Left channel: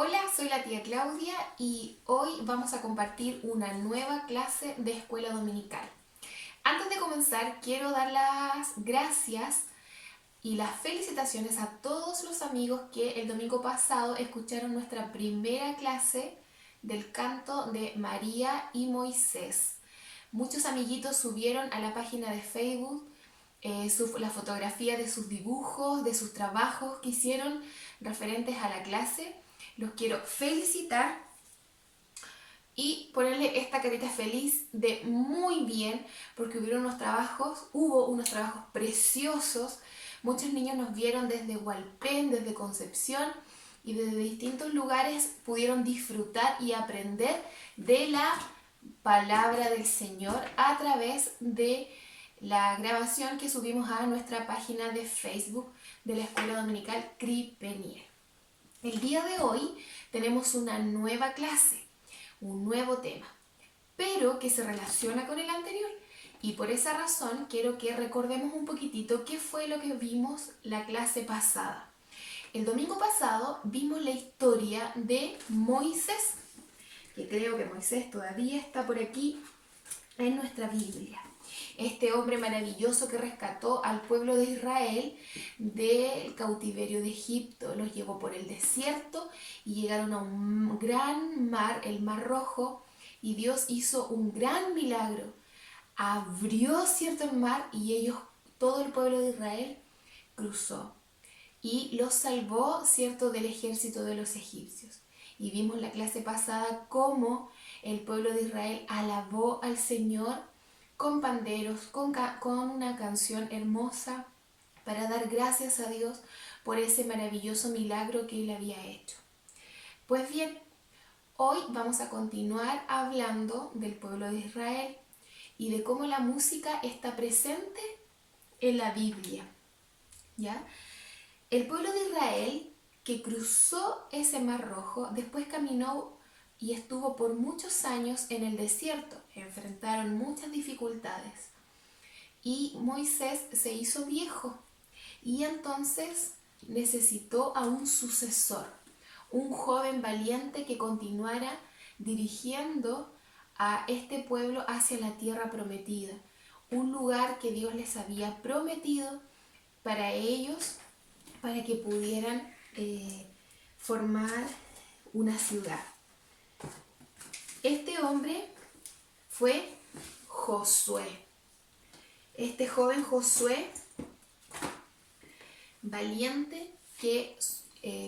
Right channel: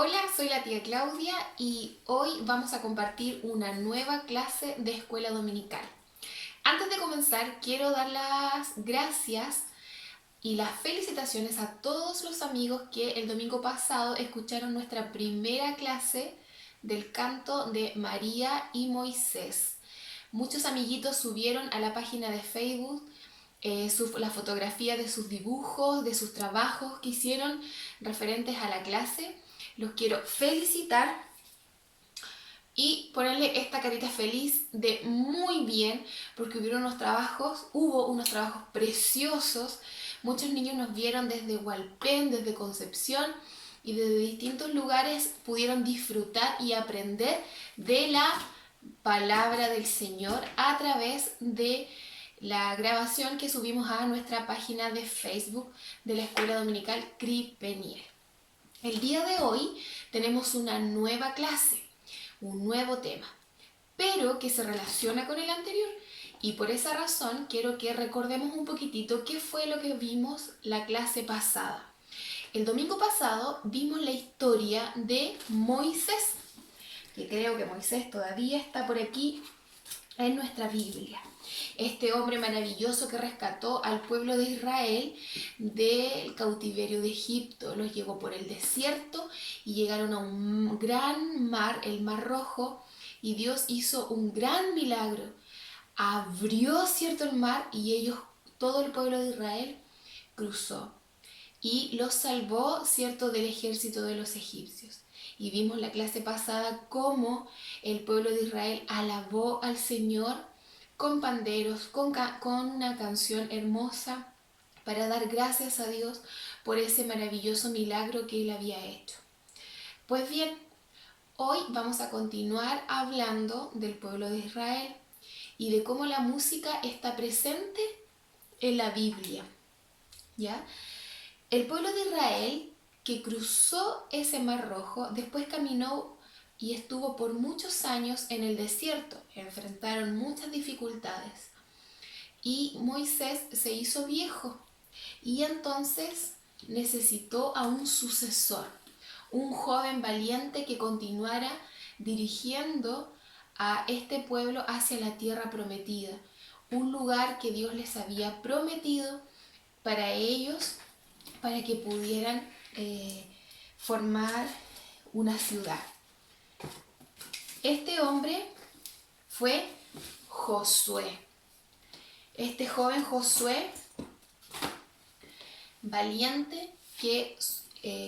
Hola, soy la tía Claudia y hoy vamos a compartir una nueva clase de escuela dominical. Antes de comenzar, quiero dar las gracias y las felicitaciones a todos los amigos que el domingo pasado escucharon nuestra primera clase del canto de María y Moisés. Muchos amiguitos subieron a la página de Facebook la fotografía de sus dibujos, de sus trabajos que hicieron referentes a la clase. Los quiero felicitar y ponerle esta carita feliz de muy bien, porque hubo unos trabajos preciosos. Muchos niños nos vieron desde Hualpén, desde Concepción y desde distintos lugares pudieron disfrutar y aprender de la palabra del Señor a través de la grabación que subimos a nuestra página de Facebook de la Escuela Dominical CRI Peniel. El día de hoy tenemos una nueva clase, un nuevo tema, pero que se relaciona con el anterior. Y por esa razón quiero que recordemos un poquitito qué fue lo que vimos la clase pasada. El domingo pasado vimos la historia de Moisés, que creo que Moisés todavía está por aquí en nuestra Biblia. Este hombre maravilloso que rescató al pueblo de Israel del cautiverio de Egipto, los llevó por el desierto y llegaron a un gran mar, el Mar Rojo, y Dios hizo un gran milagro. Abrió, cierto, el mar y ellos, todo el pueblo de Israel, cruzó y los salvó, cierto, del ejército de los egipcios. Y vimos la clase pasada cómo el pueblo de Israel alabó al Señor con panderos, con una canción hermosa para dar gracias a Dios por ese maravilloso milagro que Él había hecho. Pues bien, hoy vamos a continuar hablando del pueblo de Israel y de cómo la música está presente en la Biblia. ¿Ya? El pueblo de Israel que cruzó ese Mar Rojo, después caminó y estuvo por muchos años en el desierto. Enfrentaron muchas dificultades. Y Moisés se hizo viejo y entonces necesitó a un sucesor, un joven valiente que continuara dirigiendo a este pueblo hacia la tierra prometida, un lugar que Dios les había prometido para ellos, para que pudieran formar una ciudad. Este hombre fue Josué. Este joven Josué, valiente, que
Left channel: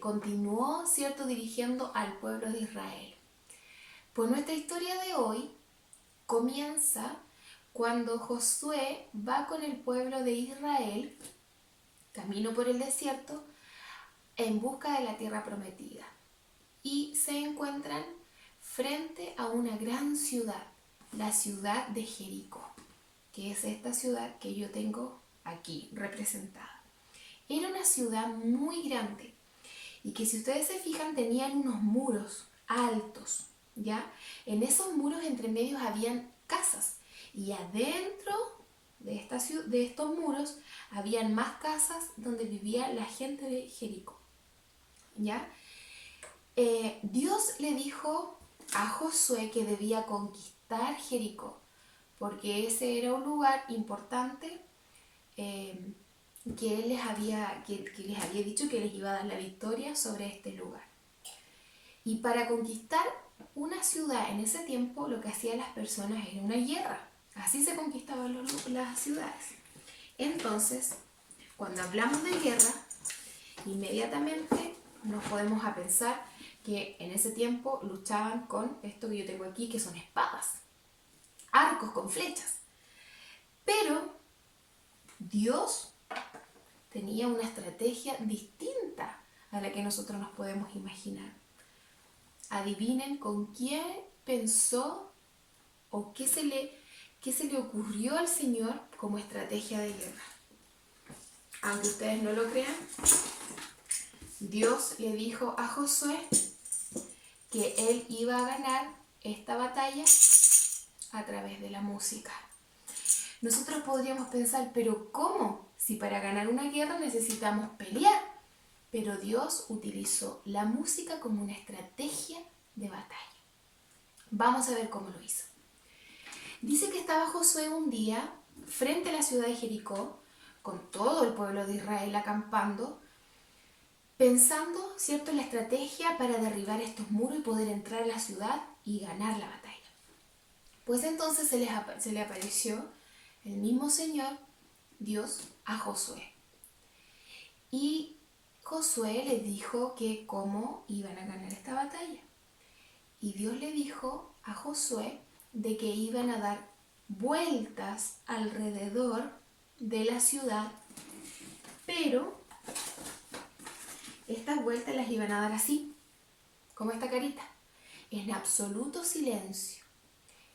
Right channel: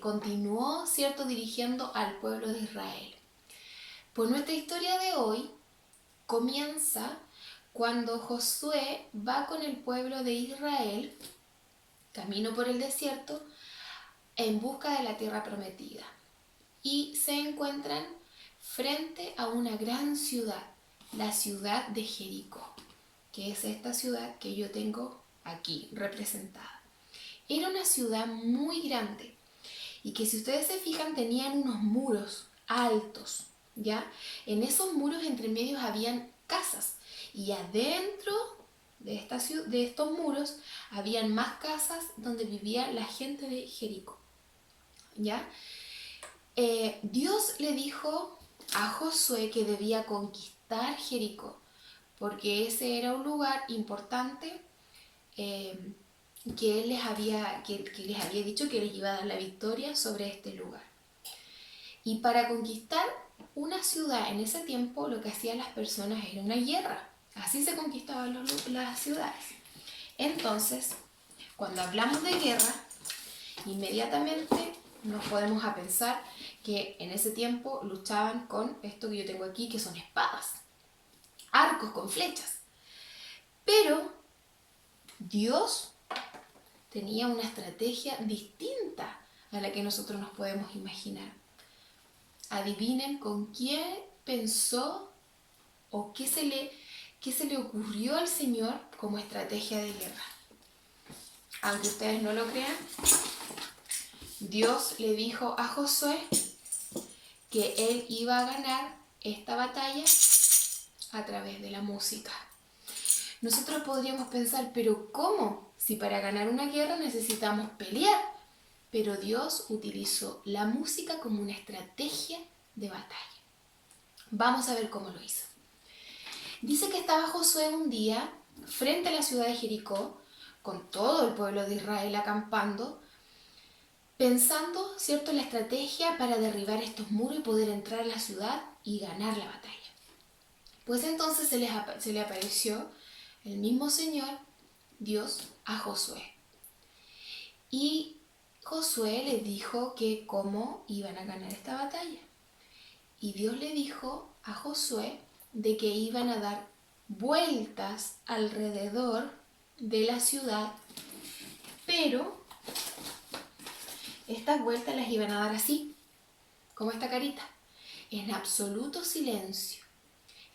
continuó, cierto, dirigiendo al pueblo de Israel. Pues nuestra historia de hoy comienza cuando Josué va con el pueblo de Israel, camino por el desierto, en busca de la tierra prometida. Y se encuentran frente a una gran ciudad, la ciudad de Jericó, que es esta ciudad que yo tengo aquí representada. Era una ciudad muy grande y que, si ustedes se fijan, tenían unos muros altos, ¿ya? En esos muros entre medios habían casas y adentro de estos muros habían más casas donde vivía la gente de Jericó, ¿ya? Dios le dijo a Josué que debía conquistar Jericó, porque ese era un lugar importante que les había dicho que les iba a dar la victoria sobre este lugar. Y para conquistar una ciudad en ese tiempo, lo que hacían las personas era una guerra. Así se conquistaban las ciudades. Entonces, cuando hablamos de guerra, inmediatamente nos podemos a pensar que en ese tiempo luchaban con esto que yo tengo aquí, que son espadas, arcos con flechas. Pero Dios tenía una estrategia distinta a la que nosotros nos podemos imaginar. Adivinen con quién pensó o qué se le ocurrió al Señor como estrategia de guerra. Aunque ustedes no lo crean, Dios le dijo a Josué que él iba a ganar esta batalla a través de la música. Nosotros podríamos pensar, pero ¿cómo? Si para ganar una guerra necesitamos pelear. pero Dios utilizó la música como una estrategia de batalla. Vamos a ver cómo lo hizo. Dice que estaba Josué un día frente a la ciudad de Jericó, con todo el pueblo de Israel acampando, pensando, ¿cierto?, en la estrategia para derribar estos muros y poder entrar a la ciudad y ganar la batalla. Pues entonces se le apareció el mismo Señor, Dios, a Josué. Y Josué le dijo que cómo iban a ganar esta batalla. Y Dios le dijo a Josué de que iban a dar vueltas alrededor de la ciudad, pero estas vueltas las iban a dar así, como esta carita, en absoluto silencio.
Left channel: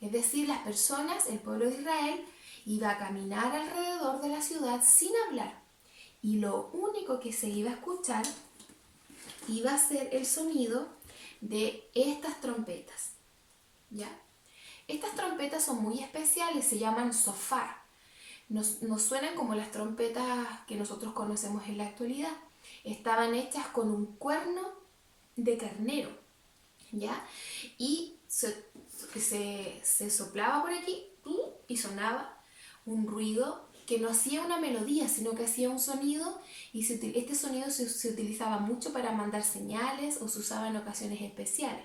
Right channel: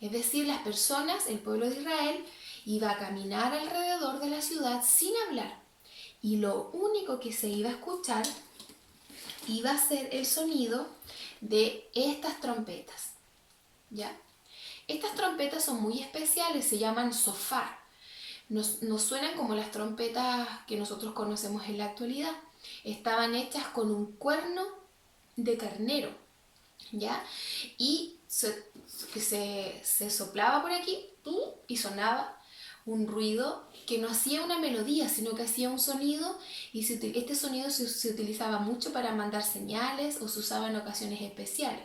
Es decir, las personas, el pueblo de Israel, iba a caminar alrededor de la ciudad sin hablar. Y lo único que se iba a escuchar iba a ser el sonido de estas trompetas, ¿ya? Estas trompetas son muy especiales, se llaman shofar. Nos suenan como las trompetas que nosotros conocemos en la actualidad. Estaban hechas con un cuerno de carnero, ¿ya? Y se soplaba por aquí y sonaba un ruido que no hacía una melodía, sino que hacía un sonido, y este sonido se utilizaba mucho para mandar señales o se usaba en ocasiones especiales.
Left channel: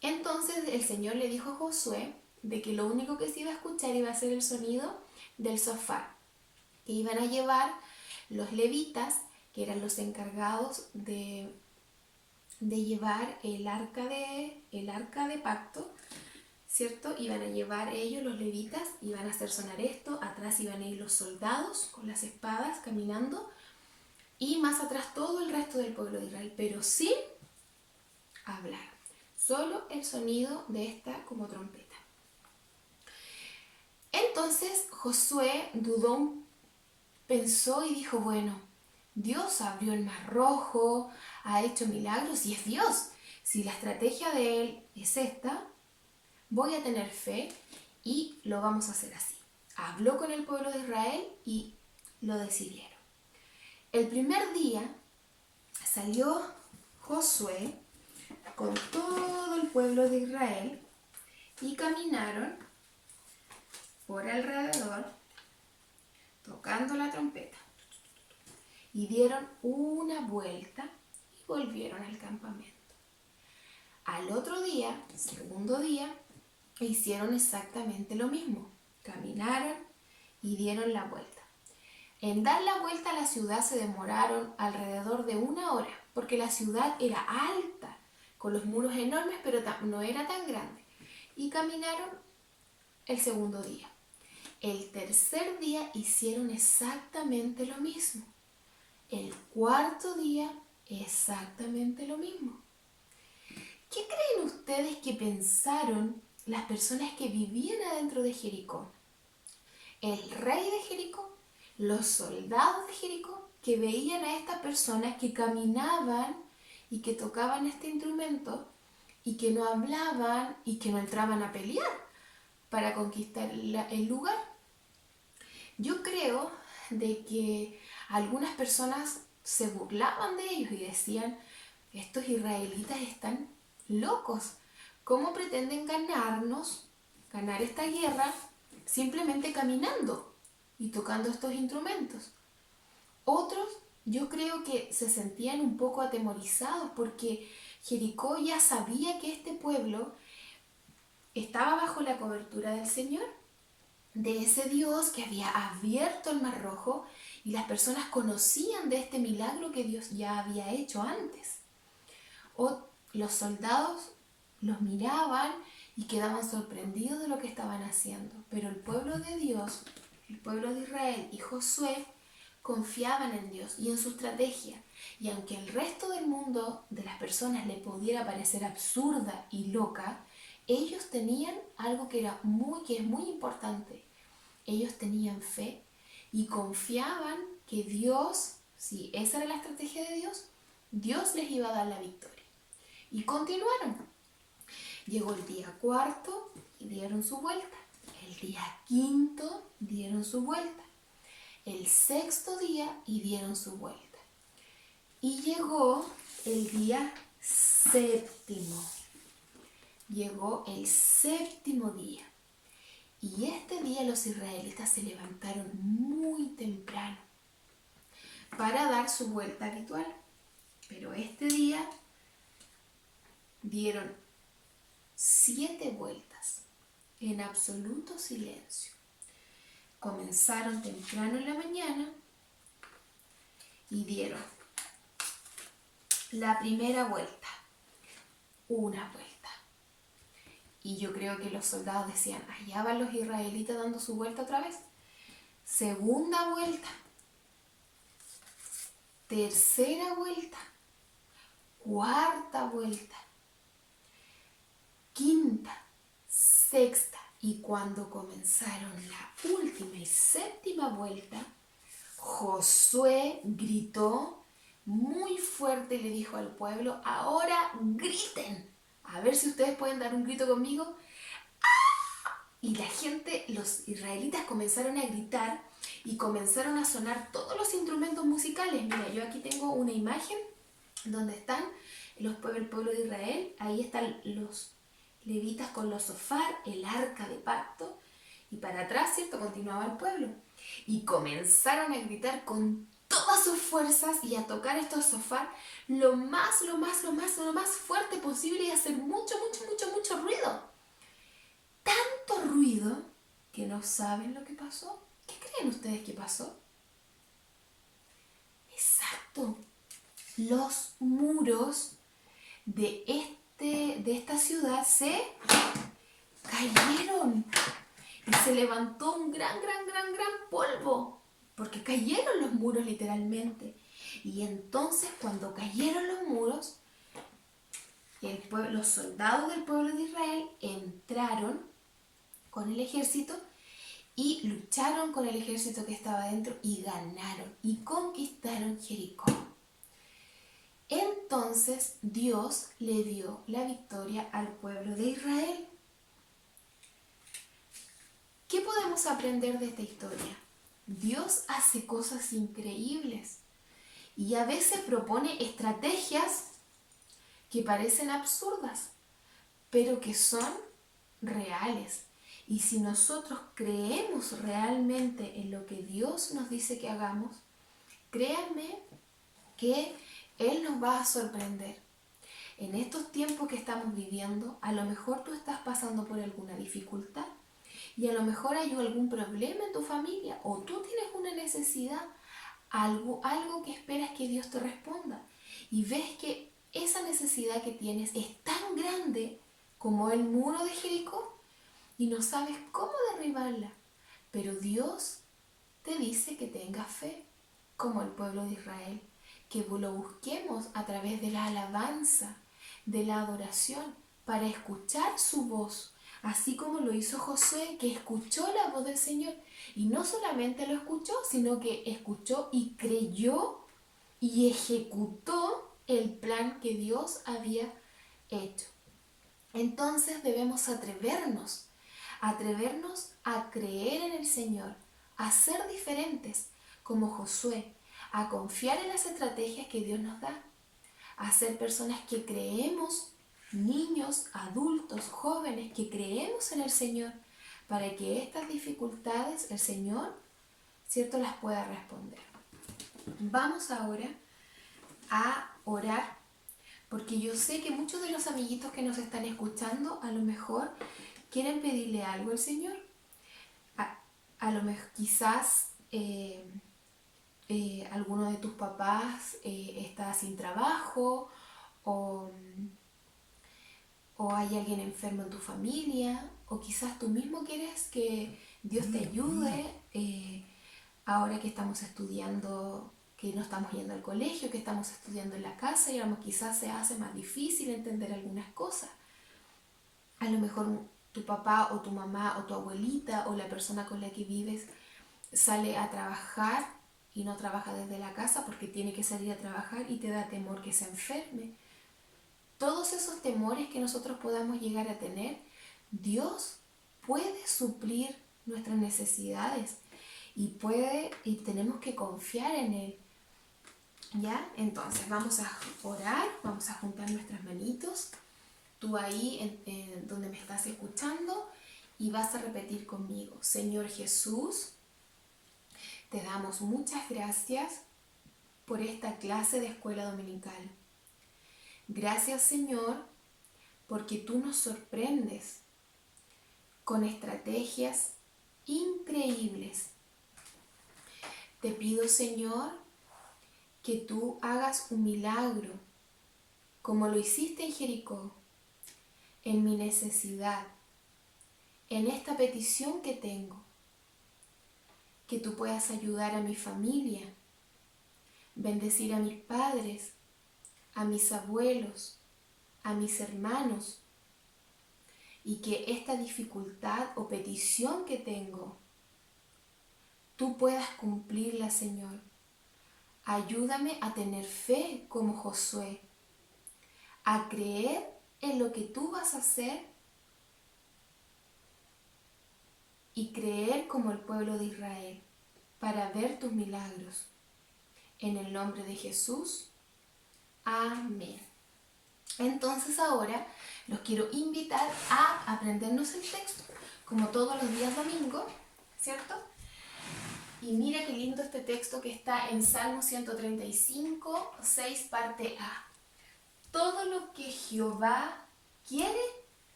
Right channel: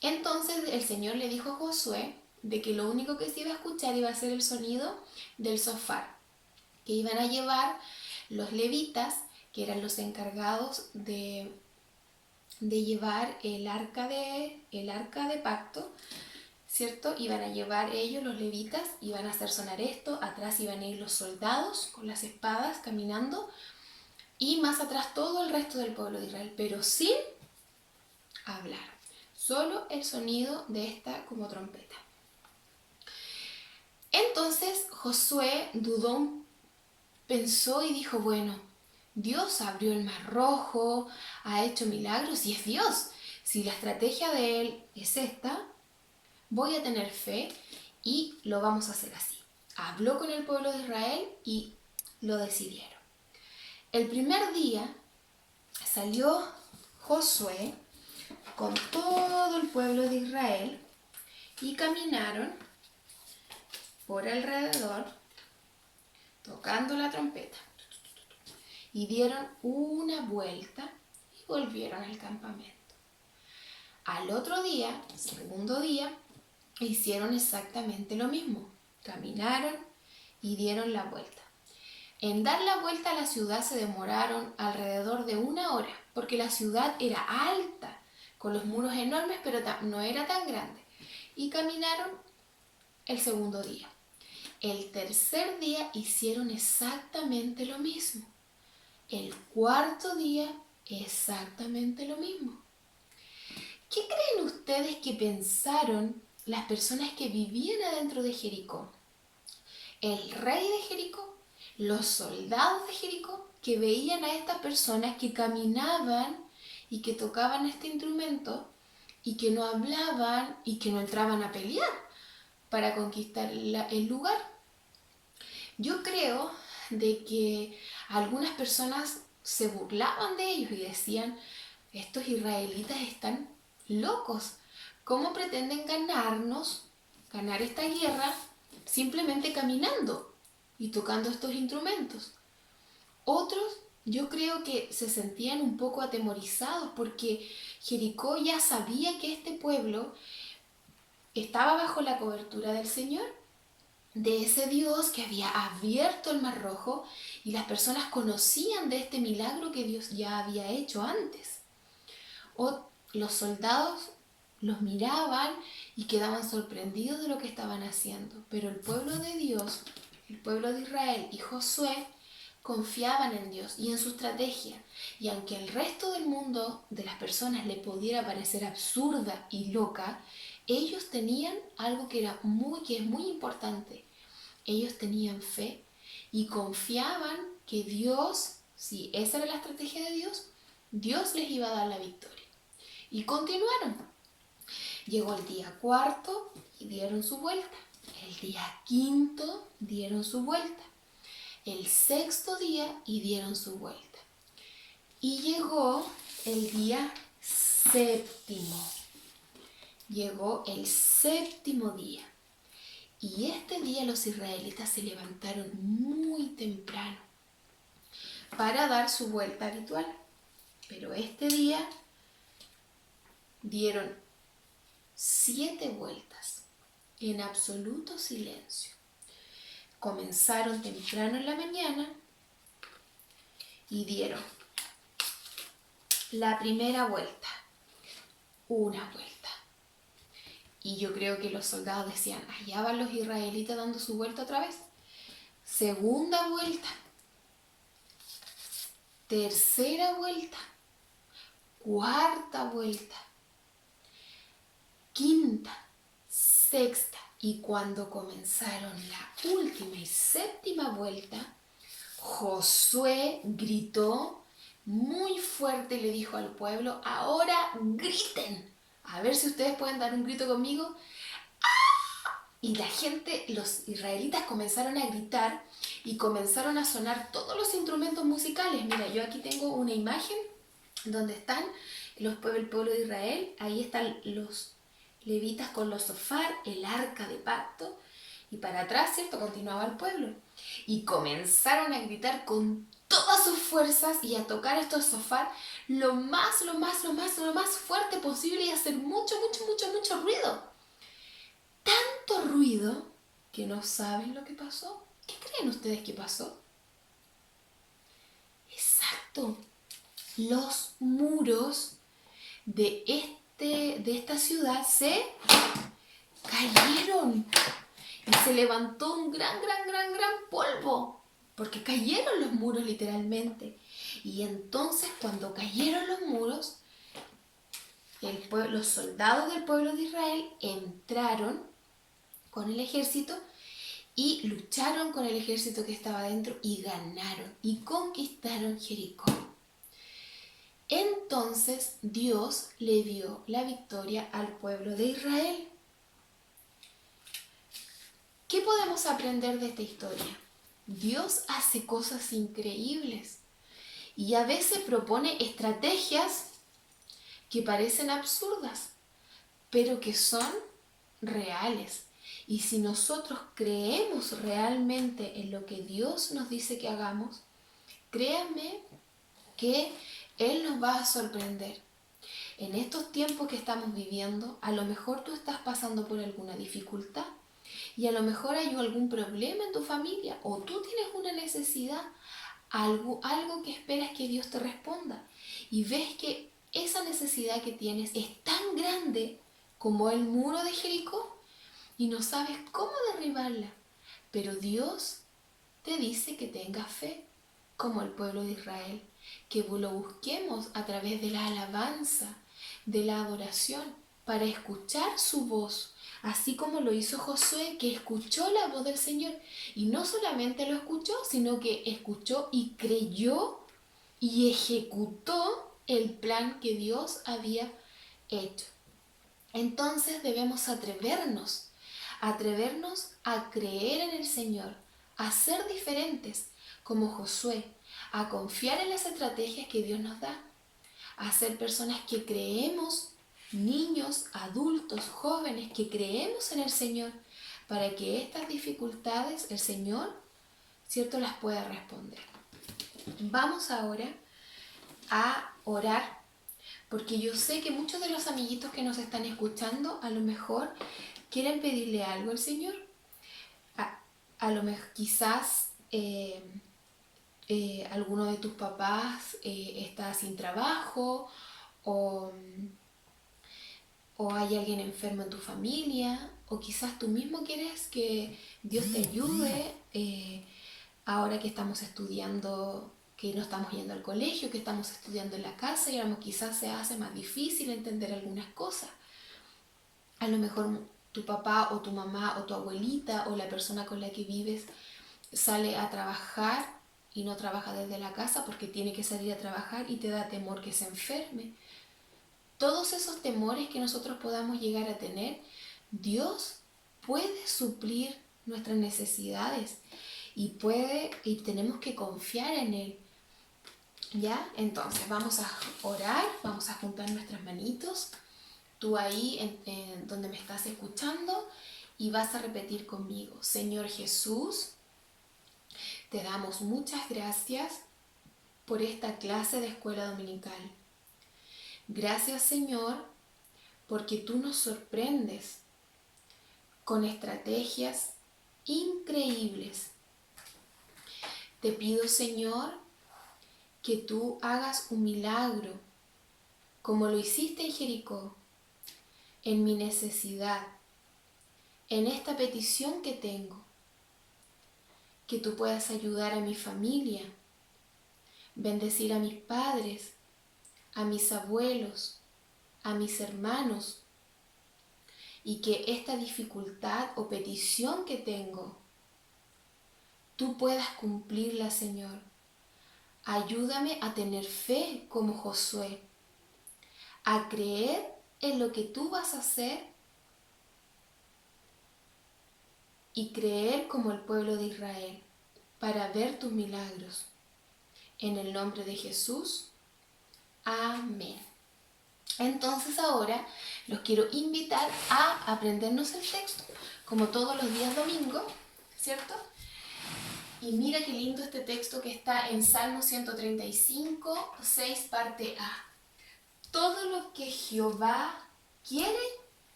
Entonces el Señor le dijo a Josué de que lo único que se iba a escuchar iba a ser el sonido del shofar, que iban a llevar los levitas, que eran los encargados de llevar el arca de pacto, ¿cierto? Iban a llevar ellos, los levitas, iban a hacer sonar esto, atrás iban a ir los soldados con las espadas caminando, y más atrás todo el resto del pueblo de Israel, pero sin hablar, solo el sonido de esta como trompeta. Entonces Josué dudó, pensó y dijo, bueno, Dios abrió el mar rojo, ha hecho milagros y es Dios. Si la estrategia de él es esta, voy a tener fe y lo vamos a hacer así. Habló con el pueblo de Israel y lo decidieron. El primer día salió Josué con todo el pueblo de Israel y caminaron por alrededor tocando la trompeta. Y dieron una vuelta y volvieron al campamento. Al otro día, segundo día, hicieron exactamente lo mismo. Caminaron y dieron la vuelta. En dar la vuelta a la ciudad se demoraron alrededor de 1 hora, porque la ciudad era alta, con los muros enormes, pero no era tan grande. Y caminaron el segundo día. El tercer día hicieron exactamente lo mismo. El cuarto día, exactamente lo mismo. ¿Qué creen ustedes que pensaron las personas que vivían adentro de Jericó? El rey de Jericó, los soldados de Jericó, que veían a estas personas que caminaban y que tocaban este instrumento y que no hablaban y que no entraban a pelear para conquistar el lugar. Yo creo de que algunas personas se burlaban de ellos y decían, estos israelitas están locos, ¿cómo pretenden ganar esta guerra simplemente caminando y tocando estos instrumentos? Otros, yo creo que se sentían un poco atemorizados porque Jericó ya sabía que este pueblo estaba bajo la cobertura del Señor, de ese Dios que había abierto el mar rojo, y las personas conocían de este milagro que Dios ya había hecho antes. Los soldados los miraban y quedaban sorprendidos de lo que estaban haciendo, pero el pueblo de Dios, el pueblo de Israel y Josué confiaban en Dios y en su estrategia, y aunque el resto del mundo de las personas le pudiera parecer absurda y loca, ellos tenían algo que es muy importante. Ellos tenían fe y confiaban que Dios, si esa era la estrategia de Dios, Dios les iba a dar la victoria. Y continuaron. Llegó el día cuarto y dieron su vuelta. El día quinto dieron su vuelta. El sexto día y dieron su vuelta. Y llegó el día séptimo. Llegó el séptimo día. Y este día los israelitas se levantaron muy temprano para dar su vuelta habitual. Pero este día dieron 7 vueltas en absoluto silencio. Comenzaron temprano en la mañana y dieron la primera vuelta, una vuelta. Y yo creo que los soldados decían, allá van los israelitas dando su vuelta otra vez. Segunda vuelta, tercera vuelta, cuarta vuelta, quinta, sexta. Y cuando comenzaron la última y séptima vuelta, Josué gritó muy fuerte y le dijo al pueblo, ahora griten. A ver si ustedes pueden dar un grito conmigo. Y la gente, los israelitas comenzaron a gritar y comenzaron a sonar todos los instrumentos musicales. Mira, yo aquí tengo una imagen donde están el pueblo de Israel. Ahí están los levitas con los sofár, el arca de pacto. Y para atrás, ¿cierto? Continuaba el pueblo. Y comenzaron a gritar con todas sus fuerzas y a tocar estos sofár lo más fuerte posible y hacer mucho ruido. Tanto ruido que no saben lo que pasó. ¿Qué creen ustedes que pasó? Exacto. Los muros de esta ciudad se cayeron. Y se levantó un gran polvo. Porque cayeron los muros literalmente. Y entonces cuando cayeron los muros, los soldados del pueblo de Israel entraron con el ejército y lucharon con el ejército que estaba dentro y ganaron y conquistaron Jericó. Entonces Dios le dio la victoria al pueblo de Israel. ¿Qué podemos aprender de esta historia? Dios hace cosas increíbles y a veces propone estrategias que parecen absurdas, pero que son reales. Y si nosotros creemos realmente en lo que Dios nos dice que hagamos, créanme que Él nos va a sorprender. En estos tiempos que estamos viviendo, a lo mejor tú estás pasando por alguna dificultad y a lo mejor hay algún problema en tu familia o tú tienes una necesidad, algo que esperas que Dios te responda y ves que esa necesidad que tienes es tan grande como el muro de Jericó y no sabes cómo derribarla, pero Dios te dice que tengas fe, como el pueblo de Israel, que lo busquemos a través de la alabanza, de la adoración, para escuchar su voz, así como lo hizo Josué, que escuchó la voz del Señor, y no solamente lo escuchó, sino que escuchó y creyó y ejecutó el plan que Dios había hecho. Entonces debemos atrevernos a creer en el Señor, a ser diferentes como Josué, a confiar en las estrategias que Dios nos da, a ser personas que creemos, niños, adultos, jóvenes, que creemos en el Señor, para que estas dificultades el Señor, ¿cierto?, las pueda responder. Vamos ahora a orar, porque yo sé que muchos de los amiguitos que nos están escuchando a lo mejor quieren pedirle algo al Señor. A lo mejor quizás alguno de tus papás está sin trabajo o hay alguien enfermo en tu familia, o quizás tú mismo quieres que Dios te ayude ahora que estamos estudiando, que no estamos yendo al colegio, que estamos estudiando en la casa y quizás se hace más difícil entender algunas cosas. A lo mejor tu papá o tu mamá o tu abuelita o la persona con la que vives sale a trabajar y no trabaja desde la casa porque tiene que salir a trabajar y te da temor que se enferme. Todos esos temores que nosotros podamos llegar a tener, Dios puede suplir nuestras necesidades y tenemos que confiar en Él. ¿Ya? Entonces vamos a orar, vamos a juntar nuestras manitos, tú ahí donde me estás escuchando, y vas a repetir conmigo: Señor Jesús, te damos muchas gracias por esta clase de escuela dominical. Gracias, Señor, porque tú nos sorprendes con estrategias increíbles. Te pido, Señor, que tú hagas un milagro, como lo hiciste en Jericó, en mi necesidad, en esta petición que tengo. Que tú puedas ayudar a mi familia, bendecir a mis padres, a mis abuelos, a mis hermanos, y que esta dificultad o petición que tengo, tú puedas cumplirla, Señor. Ayúdame a tener fe como Josué, a creer en lo que tú vas a hacer y creer como el pueblo de Israel para ver tus milagros. En el nombre de Jesús, amén. Entonces ahora los quiero invitar a aprendernos el texto, como todos los días domingos, ¿cierto? Y mira qué lindo este texto que está en Salmo 135, 6, parte A. Todo lo que Jehová quiere,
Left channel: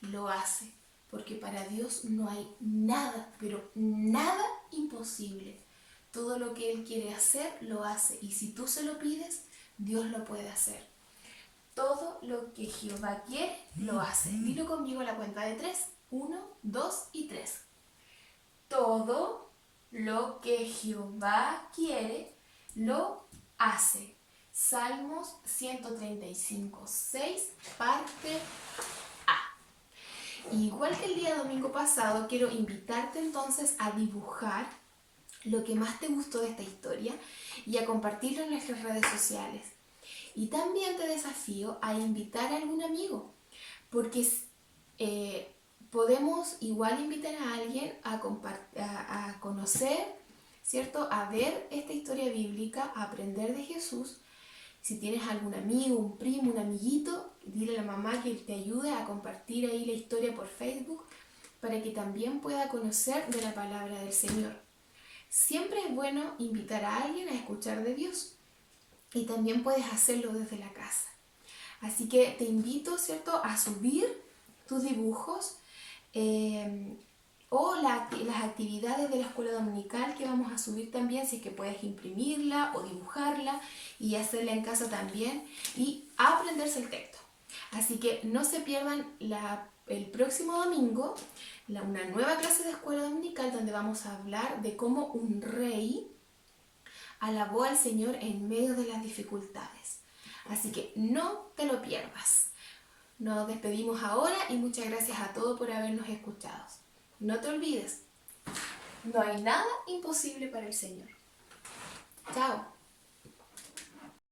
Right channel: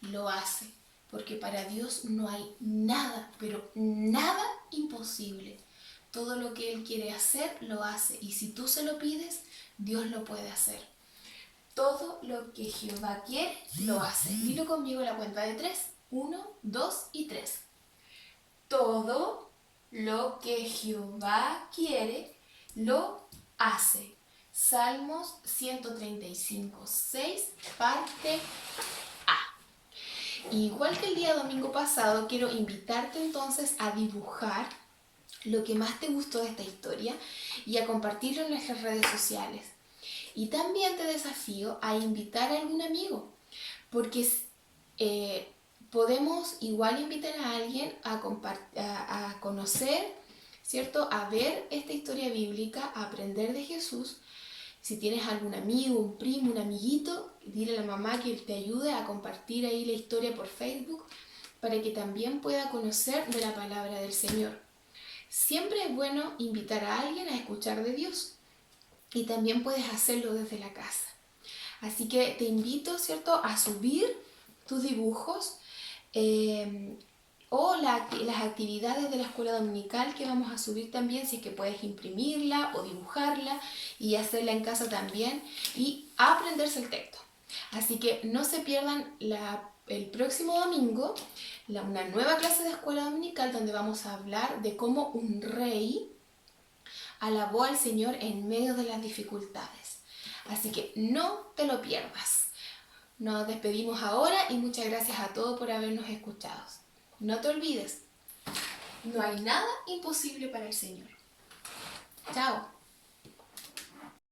lo hace, porque para Dios no hay nada, pero nada imposible. Todo lo que Él quiere hacer, lo hace, y si tú se lo pides, Dios lo puede hacer. Todo lo que Jehová quiere, lo hace. Dilo conmigo a la cuenta de 3. 1, 2 y 3. Todo lo que Jehová quiere, lo hace. Salmos 135, 6, parte A. Igual que el día domingo pasado, quiero invitarte entonces a dibujar lo que más te gustó de esta historia y a compartirlo en nuestras redes sociales. Y también te desafío a invitar a algún amigo, porque podemos igual invitar a alguien a conocer, ¿cierto? A ver esta historia bíblica, a aprender de Jesús. Si tienes algún amigo, un primo, un amiguito, dile a la mamá que te ayude a compartir ahí la historia por Facebook para que también pueda conocer de la palabra del Señor. Siempre es bueno invitar a alguien a escuchar de Dios, y también puedes hacerlo desde la casa. Así que te invito, ¿cierto?, a subir tus dibujos o las actividades de la escuela dominical que vamos a subir también, si es que puedes imprimirla o dibujarla y hacerla en casa también y aprenderse el texto. Así que no se pierdan el próximo domingo una nueva clase de escuela dominical donde vamos a hablar de cómo un rey alabó al Señor en medio de las dificultades. Así que no te lo pierdas. Nos despedimos ahora y muchas gracias a todos por habernos escuchado. No te olvides, no hay nada imposible para el Señor. Chao.